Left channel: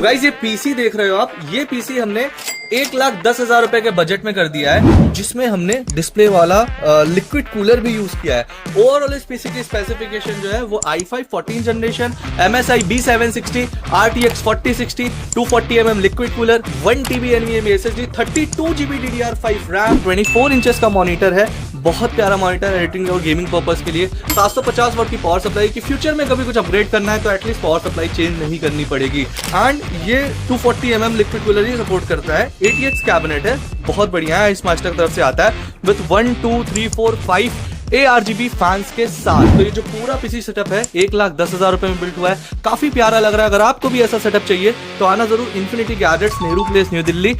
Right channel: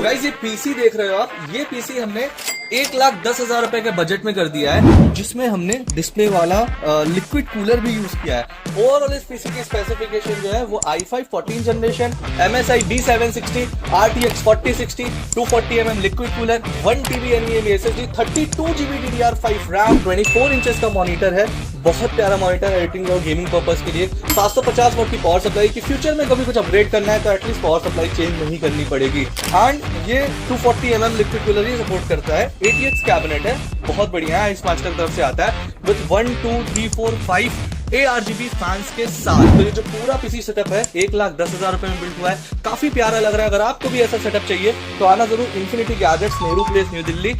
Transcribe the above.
तो गाइस ये पीसी देख रहे हो आप, ये पीसी हमने 1,10,000 रुपए के बजट में कर दिया है, जिसमें हमने डिस्प्ले वाला लिक्विड कूलर भी यूज किया है। ओवरऑल इस पीसी की स्पेसिफिकेशन जो है वो i5 14 generation, MSI B760, RTX 4060, 240mm liquid cooler, 1TB NVMe SSD, 32GB DDR5 RAM, 24 inches का मॉनिटर है। बहुत प्यारा मॉनिटर है एडिटिंग और गेमिंग पर्पस के लिए। 750 वाट की पावर सप्लाई की फ्यूचर में कभी कुछ अपग्रेड करना है तो एटलीस्ट पावर सप्लाई चेंज नहीं करनी पड़ेगी। एंड ये 240mm लिक्विड कूलर ही सपोर्ट करता है। ATX कैबिनेट है, बहुत बढ़िया है, इस मास्टर की तरफ से आता है विद 1 2 3 4 5 ARGB फैंस के साथ। तो ये जो पूरा पीसी सेटअप है 1,10,000 रुपए में बिल्ड हुआ है, काफी प्यारा लग रहा है। अगर आपको भी ऐसा सेटअप चाहिए तो आना जरूर infinity gadgets, Nehru place, new Delhi.